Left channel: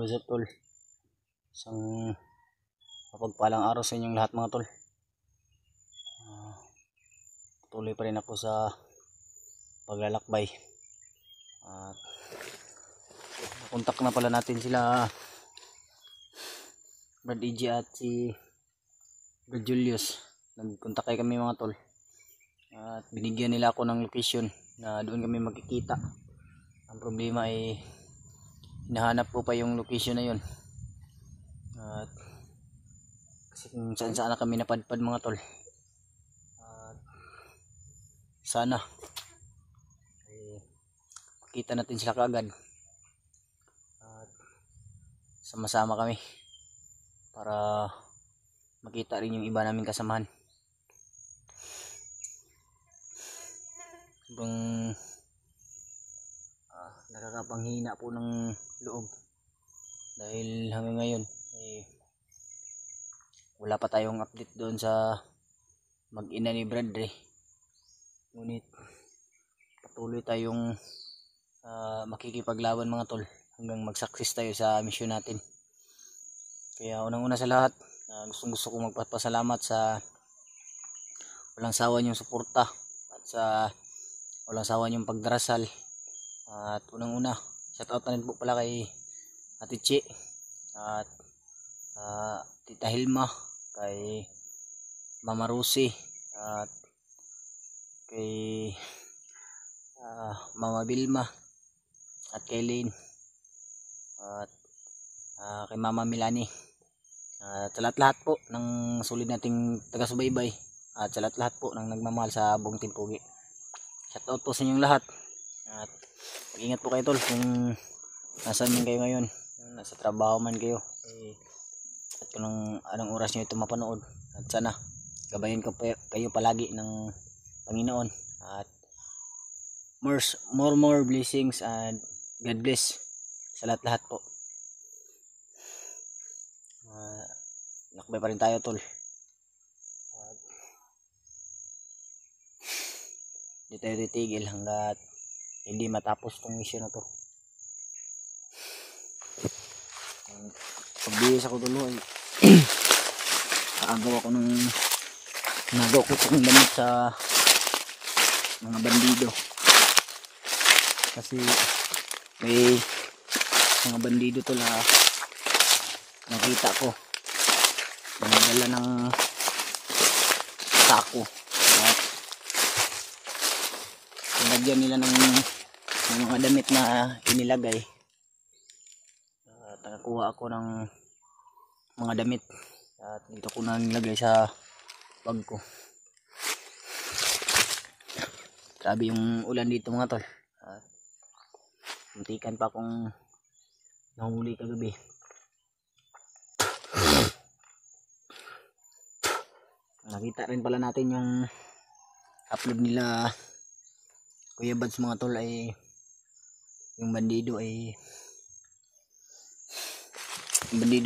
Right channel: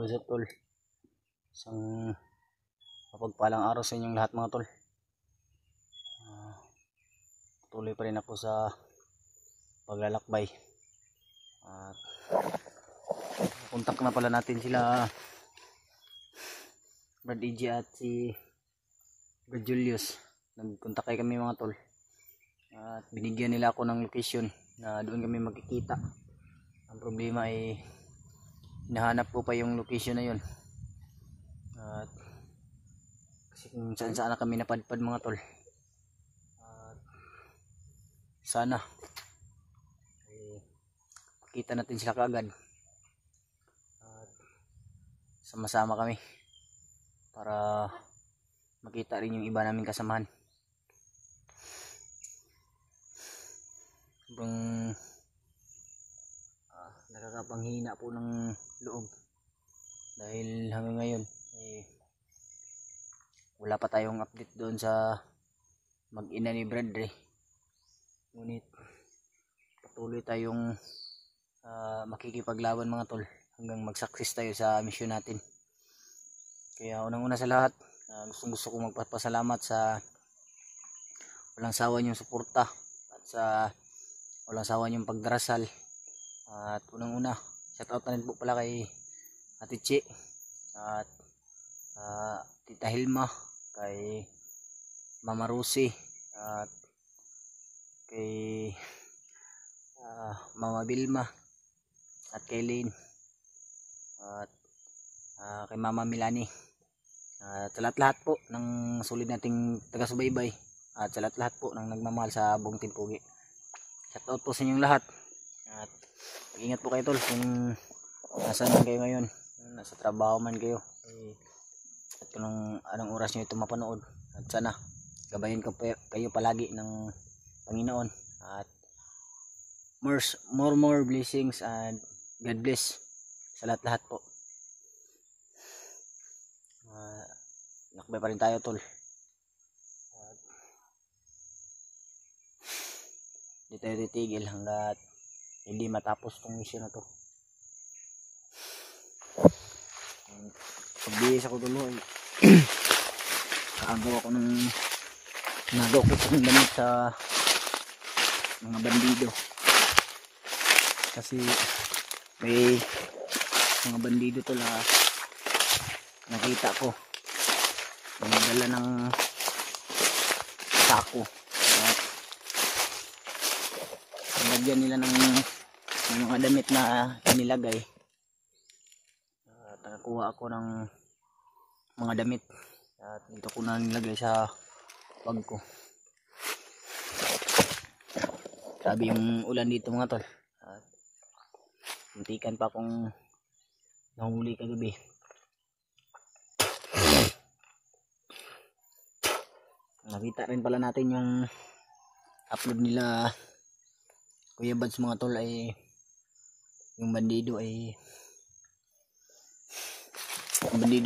What's up tol? Isang mapagpalang araw sa inyong lahat mga tol. Tuloy pa rin ako sa paglalakbay. At nakontak na pala natin sila Brad EG at si Brad Julius. Nagkontak kami mga tol. At binigyan nila ako ng location na doon kami magkikita. Ang problema ay hinahanap ko pa yung location na yun. At kasi kung saan saan na kami napadpad mga tol. At sana makita natin sila kaagad. At sama-sama kami para makita rin yung iba naming kasamahan. Sobrang nakakapanghina po ng loob dahil hanggang ngayon wala pa tayong update doon sa mag-ina ni Bradley. Ngunit patuloy tayong makikipaglaban mga tol hanggang mag-success tayo sa mission natin. Kaya unang-una sa lahat, gusto kong magpapasalamat sa walang sawa niyong suporta at sa walang sawa niyong pagdarasal. At unang-una, shoutout na rin po pala kay Ate Chi at Tita Hilma, kay Mama Rosie at kay Mama Vilma at kay Lynn at kay Mama Milani at sa lahat-lahat po ng sulit nating taga-subaybay at sa lahat-lahat po ng nagmamahal sa buong Team Pugi. Shoutout po sa inyong lahat at mag-ingat po kayo tol kung nasaan man kayo ngayon, nasa trabaho man kayo at kung anong oras nyo ito mapanood. At sana gabayan ko kayo palagi ng Panginoon at more blessings and God bless sa lahat-lahat po. Lakbay pa rin tayo tol. At hindi tayo titigil hanggat hindi matapos tong mission na to. Pagbihis ako tuloy kaagaw ako ng nagaw ko ng damit sa mga bandido kasi may mga bandido to na nakita ko nagdala ng sako at nilagyan nila ng mga damit na inilagay at nakakuha ako ng mga damit at dito ko na nilagay sa bag ko. Grabe yung ulan dito mga tol at muntikan pa akong nahuli kagabi. Nakita rin pala natin yung upload nila Kuya Bads mga tol ay yung bandido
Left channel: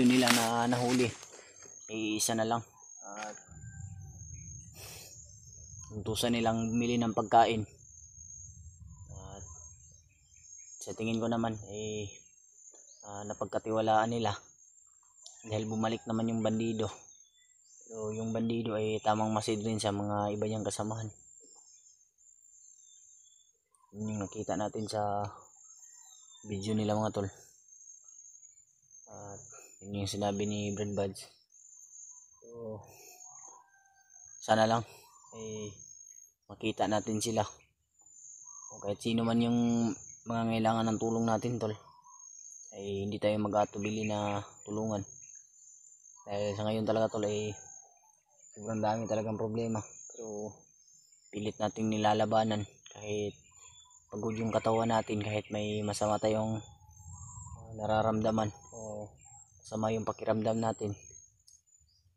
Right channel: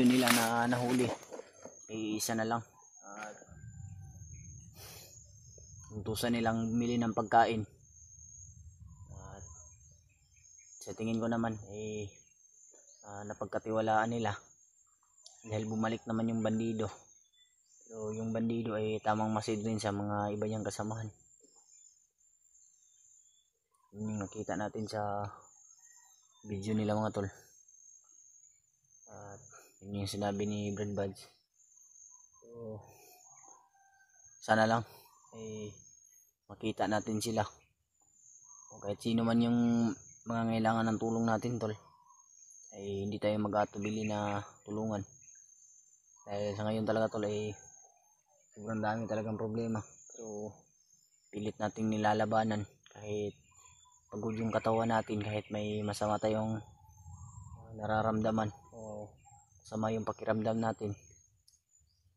nila na nahuli ay isa na lang at untusan nilang bumili ng pagkain at sa tingin ko naman napagkatiwalaan nila dahil bumalik naman yung bandido. So yung bandido ay tamang masid rin sa mga iba niyang kasamahan. Yun yung nakita natin sa video nila mga tol. At yun yung sinabi ni Brad Buds. So sana lang makita natin sila. O kahit sino man yung mga ngailangan ng tulong natin tol, ay hindi tayo mag-atubili na tulungan. Dahil sa ngayon talaga tol sobrang dami talagang problema. Pero pilit nating nilalabanan kahit pagod yung katawan natin, kahit may masama tayong nararamdaman o masama yung pakiramdam natin,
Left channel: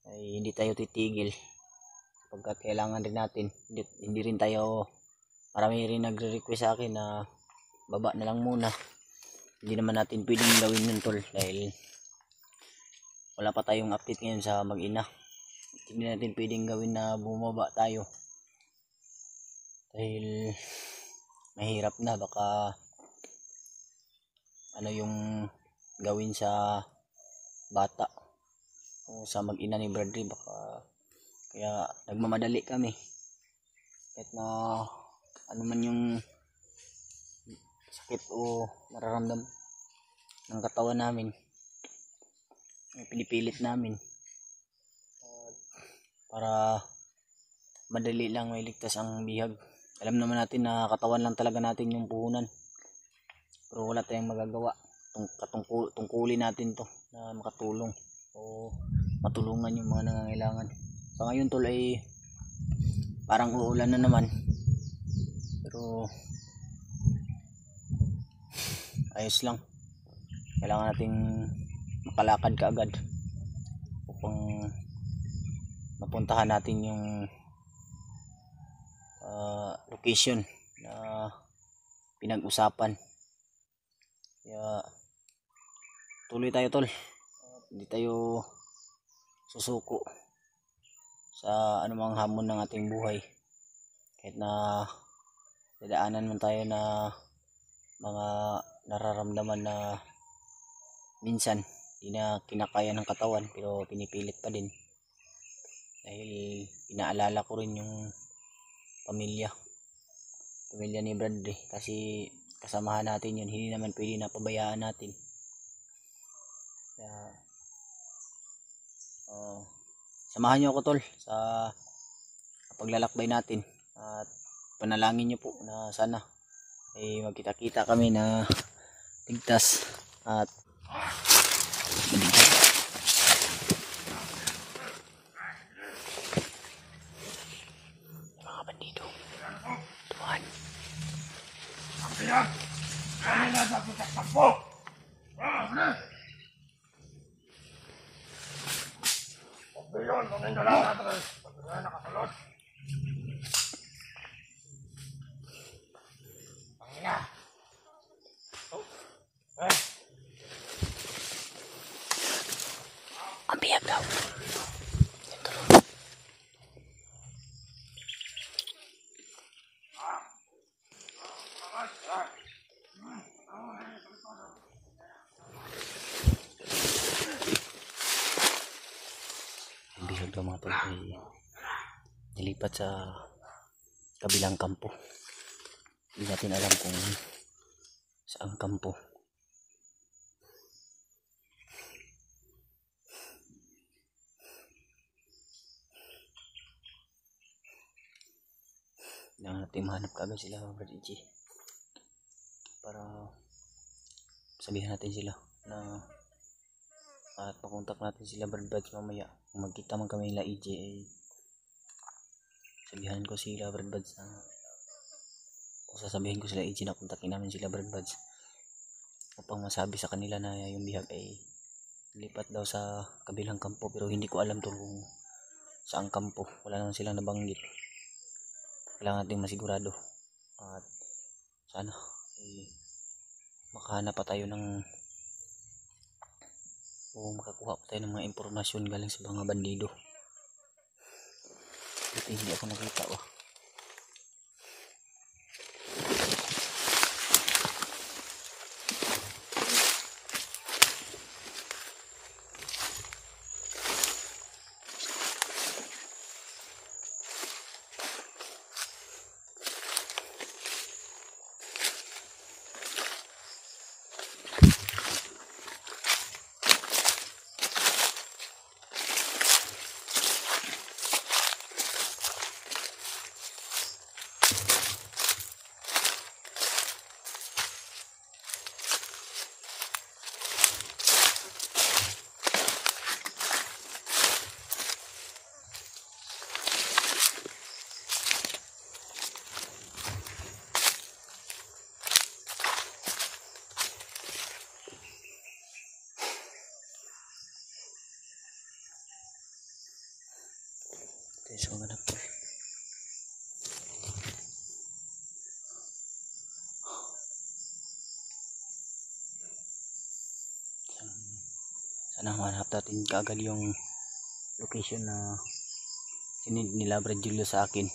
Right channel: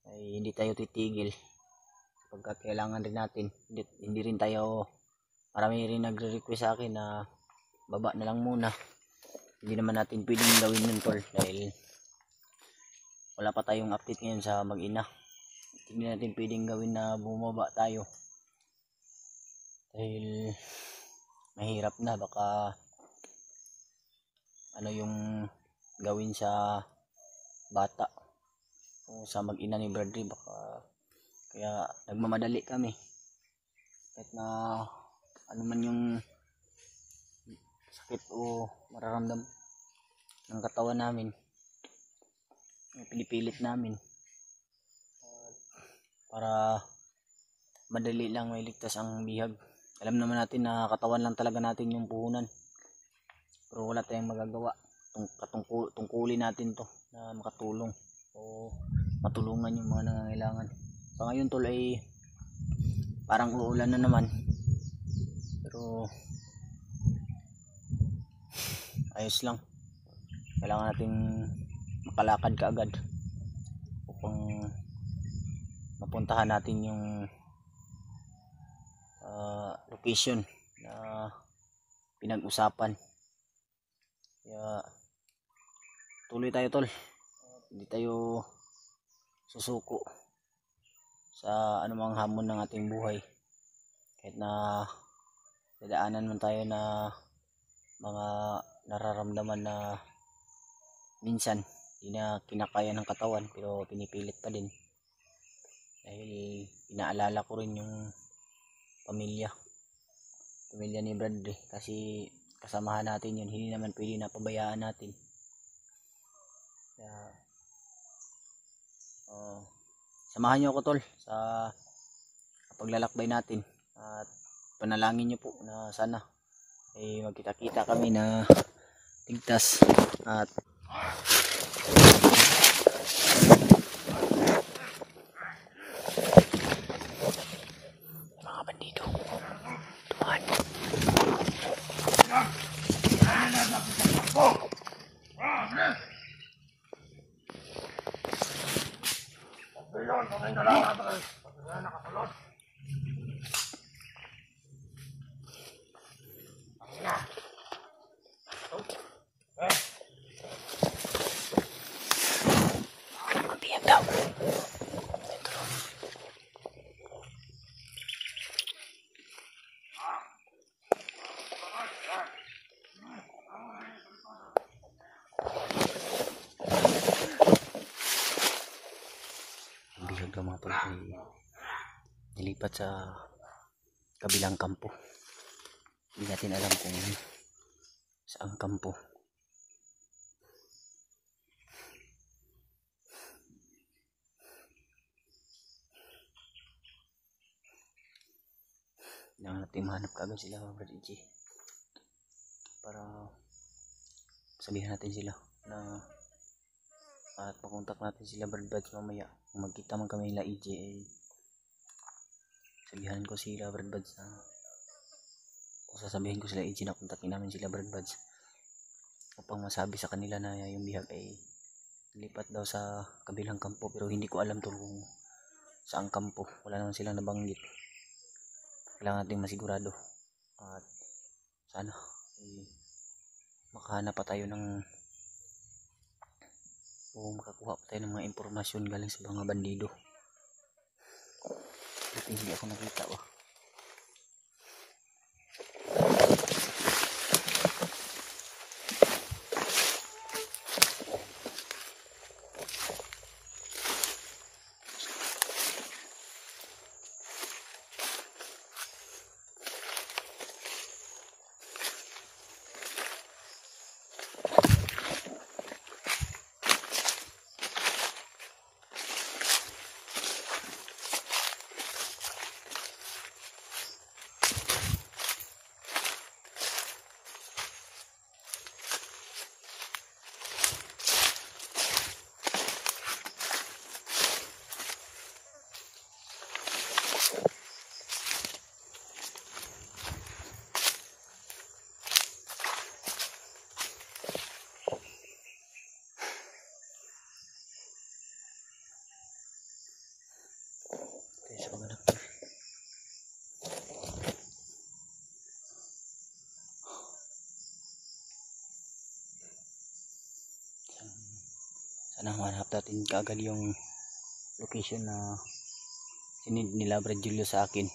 ay hindi tayo titigil pagkat kailangan rin natin. Hindi rin tayo, marami rin nagre-request sa akin na baba na lang muna. Hindi naman natin pwedeng gawin nun tol dahil wala pa tayong update ngayon sa mag-ina. Hindi natin pwedeng gawin na bumaba tayo dahil mahirap na, baka ano yung gawin sa bata o sa mag-ina ni Bradley, baka kaya nagmamadali kami kahit na ano man yung sakit o mararamdam ng katawan namin, pinipilit namin para madali lang mailigtas ang bihag. Alam naman natin na katawan lang talaga natin yung puhunan, pero wala tayong magagawa. Tungkulin natin to na makatulong o matulungan yung mga nangangailangan. So ngayon tol ay parang uulan na naman, pero ayos lang. Kailangan nating makalakad kaagad upang mapuntahan natin yung location na pinag-usapan. Kaya tuloy tayo tol, hindi tayo susuko sa anumang hamon ng ating buhay, kahit na dadaanan man tayo na mga nararamdaman na minsan hindi na kinakaya ng katawan, pero pinipilit pa din dahil inaalala ko rin yung pamilya ni Bradley, kasi kasamahan natin yun, hindi naman pwede na pabayaan natin. Kaya samahan nyo ako tol sa paglalakbay natin, at panalangin nyo po na sana ay magkita-kita kami na ligtas at mga bandido. Tuhan. Mabiyag daw. Bihag daw mga tol ay nilipat sa kabilang kampo. Hindi natin alam kung saan kampo. Kailangan natin mahanap kaagad sila mga Bradley para sabihan natin sila na, at makontak natin sila Bradley mamaya. Kung magkita man kami nila EJ ay sabihan ko sila Bradley na, o sasabihin ko sila EJ na kontakin namin sila Bradley upang masabi sa kanila na yung bihag ay lipat daw sa kabilang kampo, pero hindi ko alam to kung saan kampo. Wala naman silang nabanggit. Kailangan natin masigurado, at sana makahanap pa tayo ng o makakuha pa tayo ng mga impormasyon galing sa mga bandido. Buti hindi ako nakita ba. So, manap to. Sana manap natin kaagad yung location na sinid nila Brad Julio sa akin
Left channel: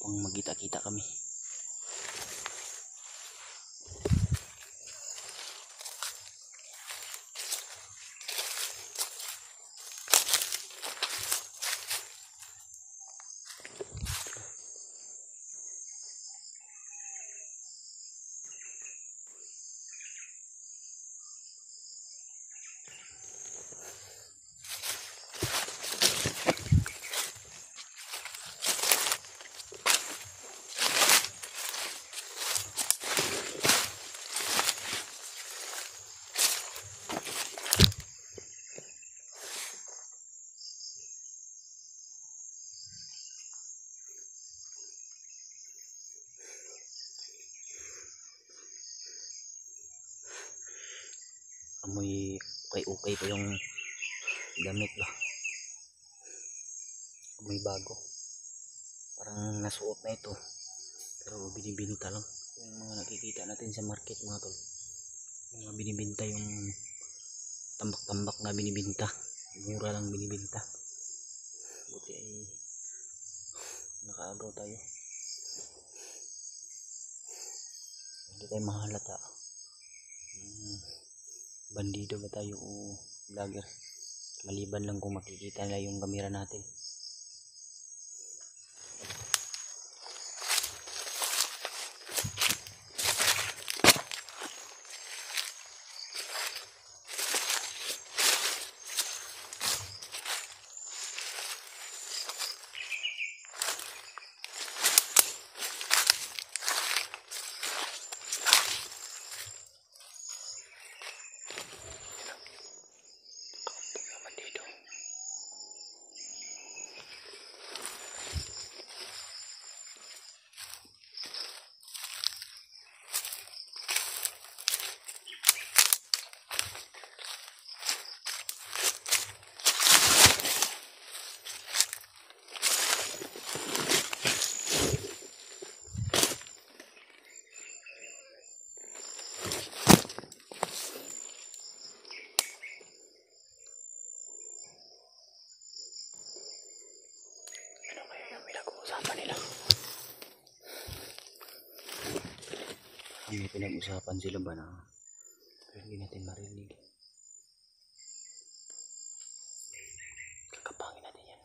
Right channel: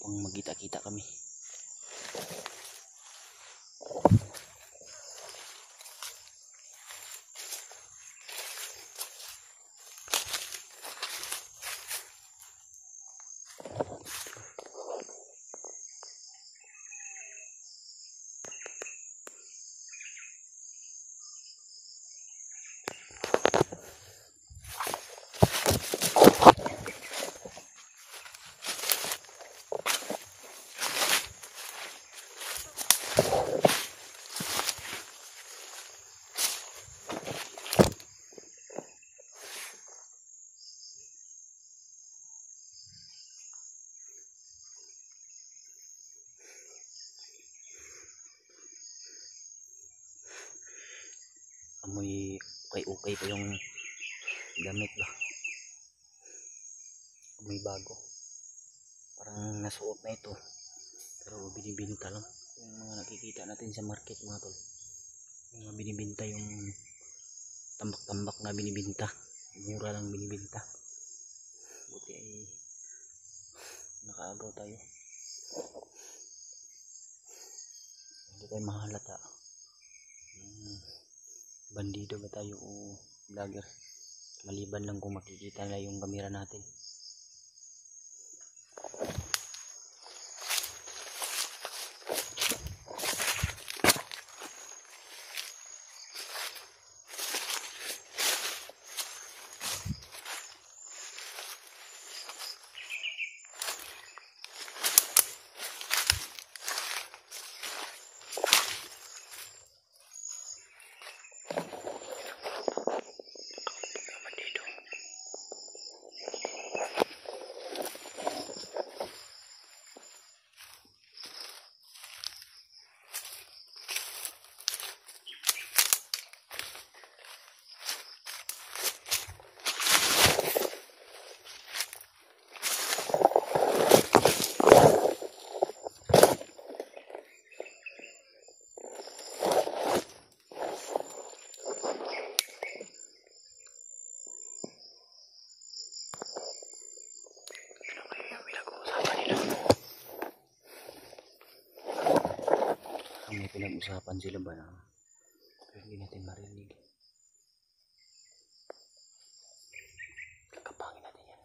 upang magkita-kita kami. amoy ukay pa yung damit ba, amoy bago, parang nasuot na ito pero binibinta lang. Yung mga nakikita natin sa market mga tol, yung mga binibinta, yung tambak-tambak na binibinta, mura lang binibinta. Buti ay nakaagaw tayo, hindi tayo mahalata. Bandido ba tayo o vlogger, maliban lang kung makikita nila yung kamera natin. May pinag-usapan sila ba na pero hindi natin marinig. Kakapangin natin yan.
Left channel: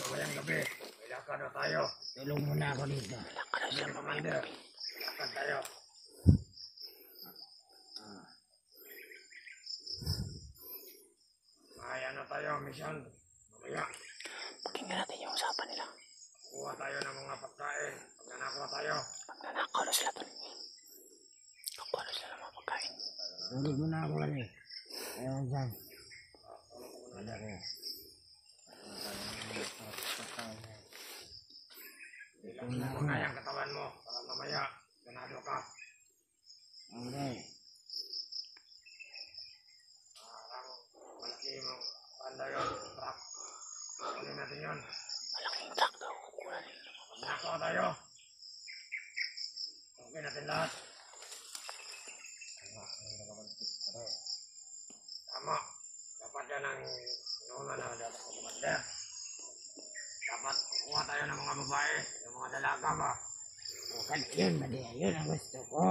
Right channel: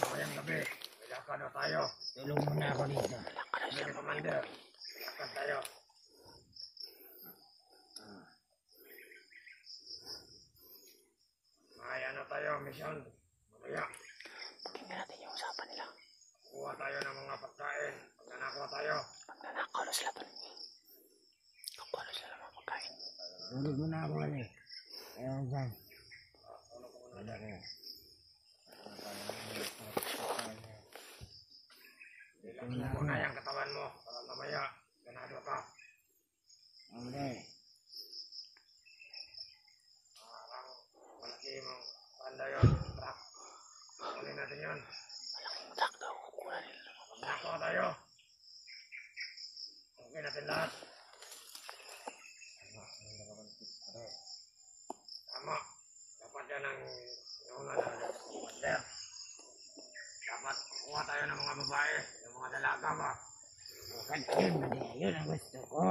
Mamayang gabi, ilakad na tayo. Tulong mo na ako dito. Commander, ilakad tayo. Kaya na tayo, mission. Mamaya. Pakinggan natin yung usapan nila. Kuha tayo ng mga pagkain. Pagnanakaw tayo. Pagnanakaw na sila tol. Kukuha na sila ng mga pagkain. Tulog mo na ako ulit. Ayaw dyan. Tulog mo na dyan. Ilang mo na yung katawan mo para mamaya ganado ka. Okay. Parang malaki mong tanda yun, truck. Kunin natin yun. Malaking truck daw, kukuha nila ng mga pagkain. Nakaw tayo. Okay natin lahat. Tama. Dapat yan ang inuna na commander. Dapat kuha tayo ng mga babae, ng mga dalaga ba? Bukan yun, mali. Yun ang gusto ko.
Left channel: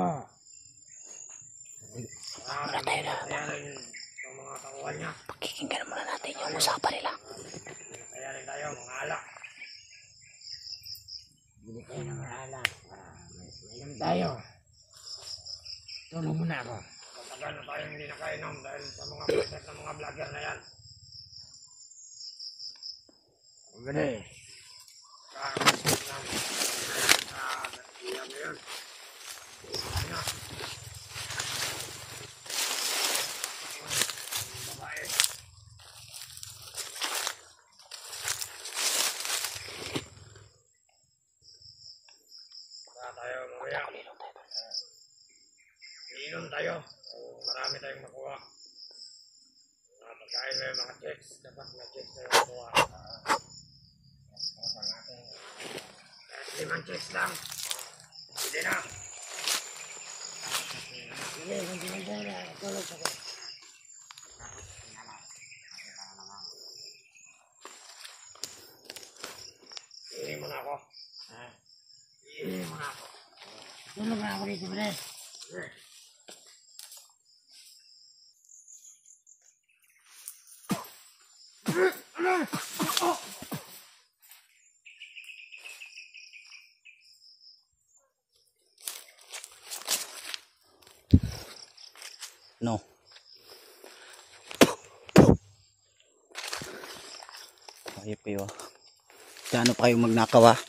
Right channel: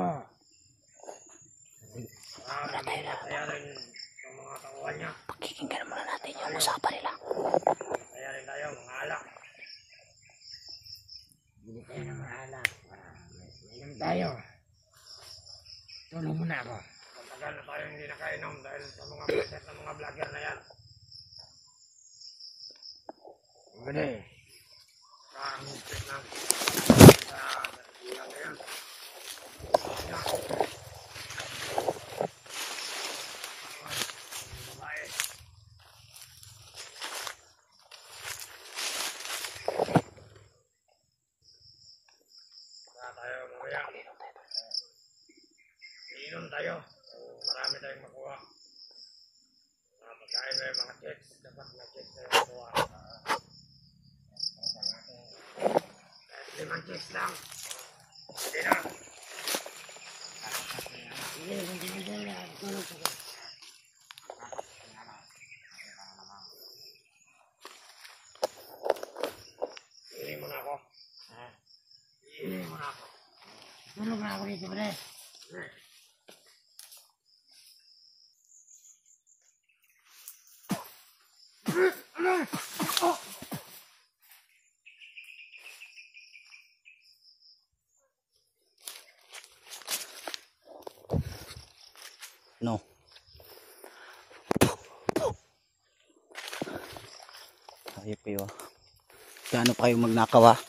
Masaya rin yung mga takuhan niya. Pakikinggan muna natin yung usapan nila. Masaya rin tayo, mga alak. Bili tayo ng mga alak. Mainom tayo. Tulong muna ako. Matagal na tayo hindi nakainom dahil sa mga preset ng mga vlogger na yan. Gede. Inom tayo. Marami tayong makuha. Pagkain may mga checks. Dapat may checks tayo makuha. 5 checks lang. Hindi na. Sige, hindi na. Tulog ka. Iiling mo na ako. Iiling mo na ako. Tulog na ako dito, bre. No. Ayop kayo ah. Gaano pa kayo magnakaw ah.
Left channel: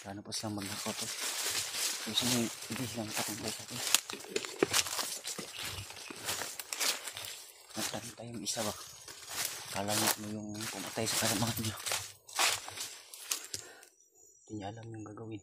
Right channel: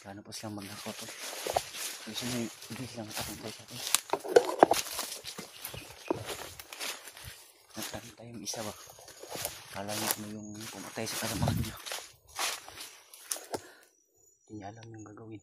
Gaano pa silang magnakaw to. Kasi hindi silang makatumboy sa atin. Nagtanta yung isa ba? Kala niya ano yung pumatay sa kasamahan niya. Hindi niya alam yung gagawin.